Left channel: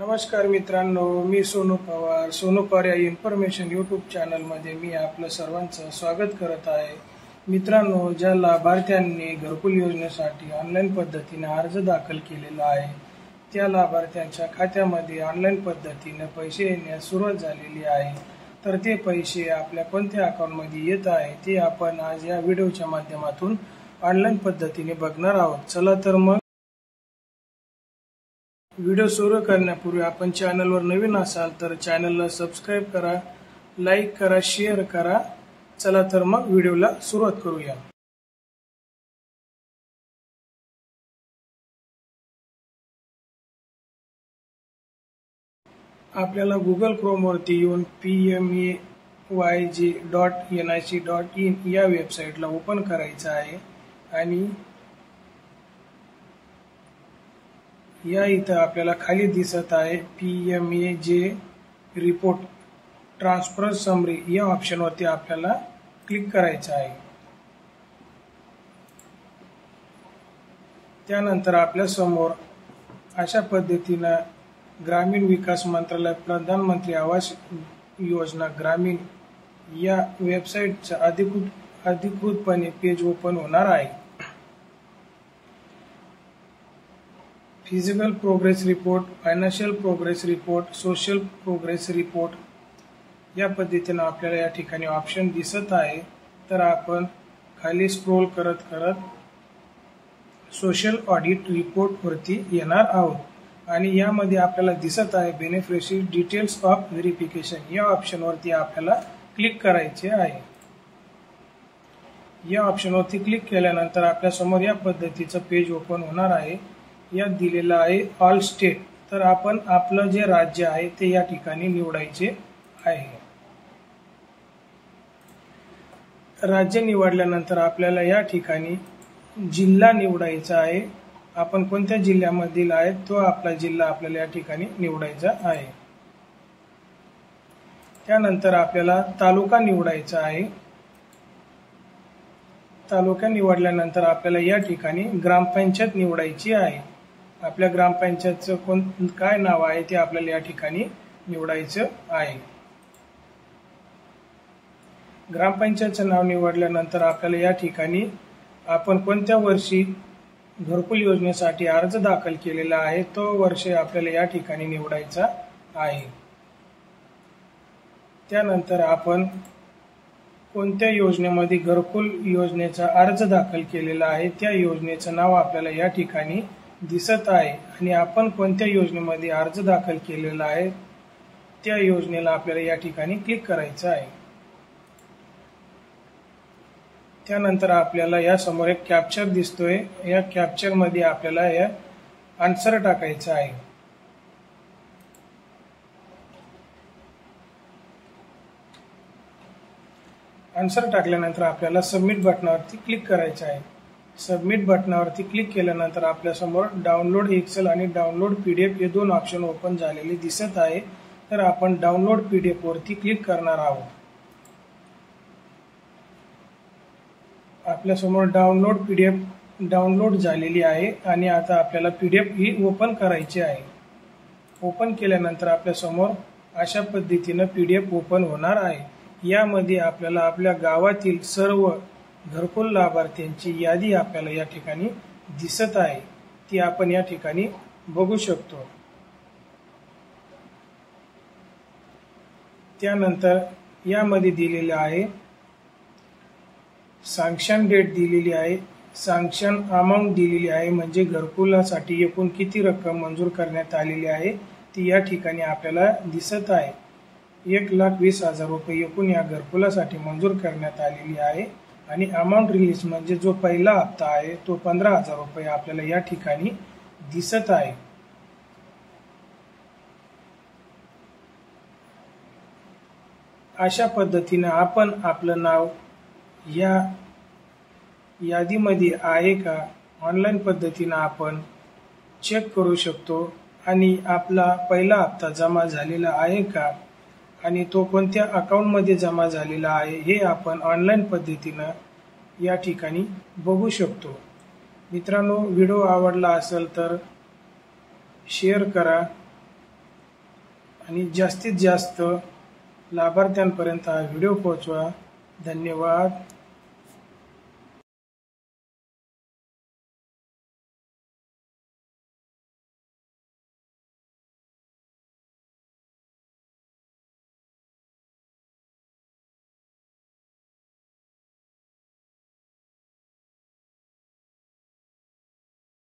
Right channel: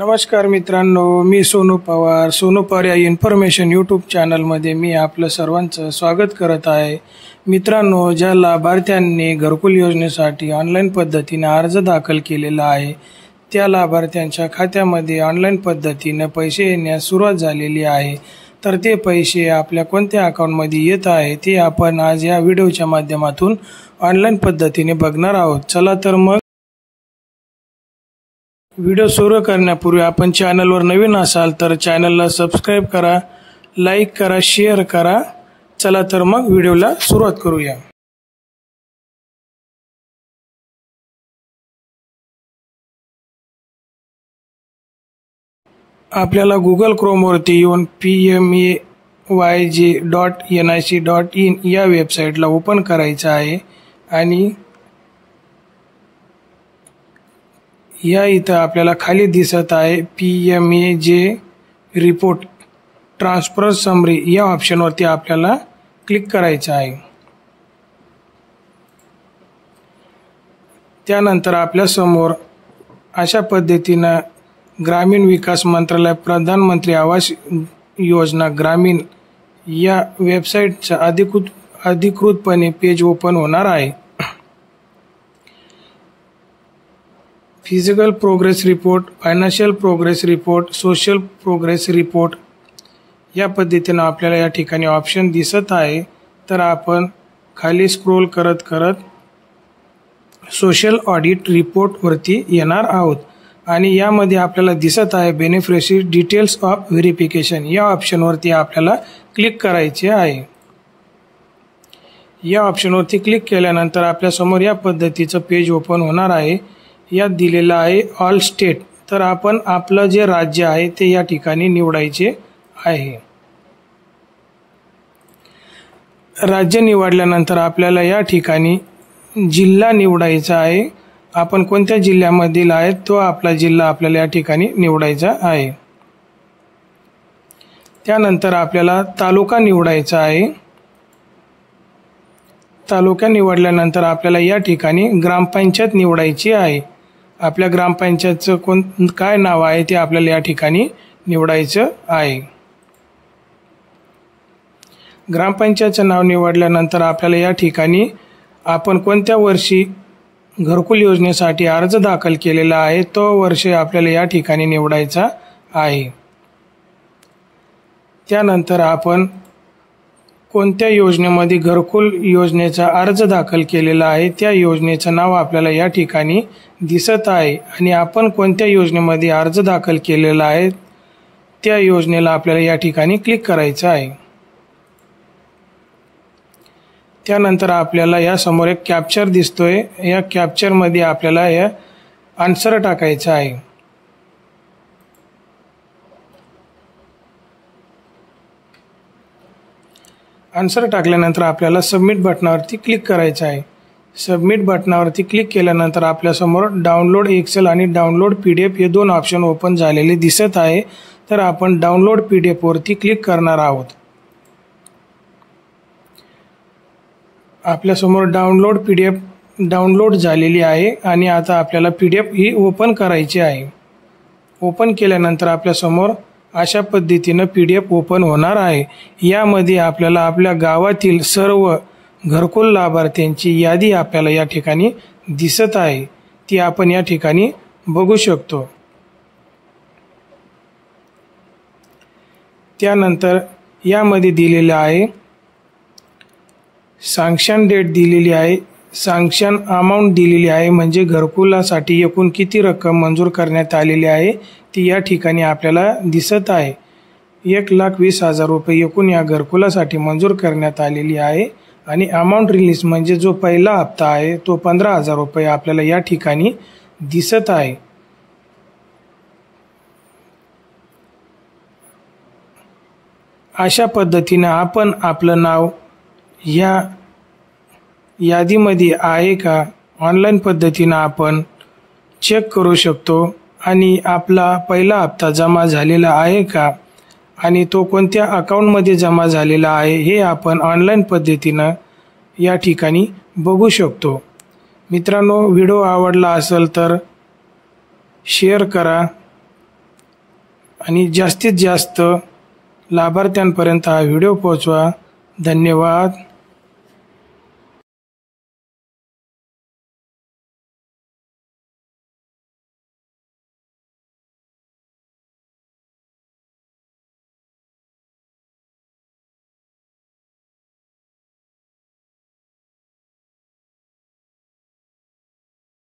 नमस्कार मित्रांनो, मी सोनू पवार या इन्फॉर्मेशन यूट्यूब चॅनलमध्ये मी आपलं सर्वांचं स्वागत करत आहे। मित्रांनो, ज्या लाभार्थ्यांनी घरकुल योजनेसाठी ऑनलाईन पद्धतीने अर्ज दाखल केलेला आहे त्या लाभार्थ्यांच्या खात्यामध्ये ऑनलाईन पद्धतीने पैसे येण्यास सुरुवात झालेली आहे। तर ते पैसे आपल्या कोणत्या अकाउंटमध्ये येत आहे ते आपण आज या व्हिडिओच्या माध्यमातून ऑनलाईन पद्धतीने बघणार आहोत। चला तर मग व्हिडिओ सुरू करण्यापूर्वी आपण चॅनलवर नवीन असाल तर चॅनलला सबस्क्राइब करा, लाईक करा, शेअर करा। चला तर मग व्हिडिओला सुरुवात करूया। आपल्याला Google क्रोमवरती येऊन pmayj.nic.in या वेबसाईटला ओपन करायचं आहे आणि या इथं आपल्याला खाली दिसत आहे PMAJ रिपोर्ट ट्रान्सफर समरी या ऑप्शनवरती आपल्याला क्लिक करायचं आहे। त्यानंतर आपल्या समोर अशा पद्धतीने ग्रामीण विकास मंत्रालय प्रधानमंत्री आवास योजना ग्रामीण या वेबसाईटचा अधिकृतपणे पेज ओपन होणार आहे। Physical progress report, financial progress report, social progress report या पद्धतीने आपल्याला या ठिकाणी ऑप्शन दिसत आहे। तर आपण खाली स्क्रोल करत सोशल ऑडिट रिपोर्ट वरती येणार आहोत आणि यामध्ये आपल्याला दिसत आहे बेनिफिशियरी डिटेल्स ऑफ व्हेरिफिकेशन या ऑप्शनवरती आपल्याला क्लिक करायचे आहे। या ऑप्शनवरती क्लिक केल्यानंतर आपल्या समोर या पद्धतीचं पेज ओपन होणार आहे। यात दिलेलं आहे ऑल स्टेट, तर आपण आपलं जे राज्य आहे ते या ठिकाणी निवडायचे आहे। राज्य निवडल्यानंतर आपल्याला या ठिकाणी जिल्हा निवडायचा आहे। आपण कोणत्या जिल्ह्यामधील आहे तो आपला जिल्हा आपल्याला या ठिकाणी निवडायचा आहे। त्यानंतर आपल्याला तालुका निवडायचा आहे। तालुका निवडल्यानंतर आपल्याला या ठिकाणी ग्रामपंचायत निवडायची आहे। आपल्या ग्रामपंचायतचं काय नाव आहे ते आपल्याला या ठिकाणी निवडायचं आहे। ग्रामपंचायतचं नाव निवडल्यानंतर आपल्याला या ठिकाणी आपण कोणत्या वर्षी घरकुल योजनेसाठी अर्ज दाखल केलेला आहे तो वर्ष आपल्याला या ठिकाणी निवडायचा आहे। त्यानंतर आपण कोणत्या योजनेमध्ये घरकुल योजनेचा अर्ज दाखल केलेला आहे त्या योजनेचं नाव आपल्याला या ठिकाणी दिसत आहे आणि आपण कोणत्या योजनेमध्ये अर्ज दाखल केलेला आहे त्या योजनेला आपल्याला या ठिकाणी क्लिक करायचं आहे। त्यानंतर आपल्याला या समोर एक कॅप्चर दिसतोय, या कॅप्चरमध्ये आपल्याला या आन्सर टाकायचा आहे। आन्सर टाकल्यानंतर आपल्याला सबमिट बटनावरती क्लिक करायचं आहे। सबमिट बटनावरती क्लिक केल्यानंतर आपल्यासमोर डाउनलोड एक्सेल आणि डाउनलोड PDF हे दोन ऑप्शन ओपन झालेले दिसत आहे। तर आपण डाउनलोड PDF वरती क्लिक करणार आहोत। आपल्यासमोर डाउनलोड PDF डाउनलोड झालेली आहे आणि आता आपल्याला PDF ही ओपन करायची आहे। ओपन केल्यानंतर आपल्यासमोर अशा पद्धतीने PDF ओपन होणार आहे। यामध्ये आपल्याला आपल्या गावातील सर्व घरकुल लाभार्थ्यांची यादी आपल्याला या ठिकाणी दिसत आहे, ती आपण या ठिकाणी बघू शकतो। त्यानंतर यामध्ये दिलेलं आहे सँक्शन डेट दिलेली आहे, सँक्शन अमाउंट दिलेली आहे, म्हणजे घरकुलासाठी एकूण किती रक्कम मंजूर करण्यात आलेली आहे ती या ठिकाणी आपल्याला दिसत आहे। 1,20,000 रुपये एकूण या घरकुलासाठी मंजूर करण्यात आलेली आहे आणि अमाउंट रिलीज म्हणजे जो पहिला हप्ता आहे तो 15,000 रुपये आपल्याला या ठिकाणी दिसत आहे। अशा पद्धतीने आपण आपलं नाव या यादीमध्ये आहे का ऑनलाईन पद्धतीने आपण चेक करू शकतो आणि आपला पहिला हप्ता जमा झालेला आहे का आणि तो कोणत्या अकाउंटमध्ये जमा झालेला आहे हे आपण ऑनलाईन पद्धतीने या ठिकाणी बघू शकतो। मित्रांनो, व्हिडिओ आवडला असेल तर शेअर करा, आणि जास्तीत जास्त लाभार्थ्यांपर्यंत हा व्हिडिओ पोहोचवा. धन्यवाद.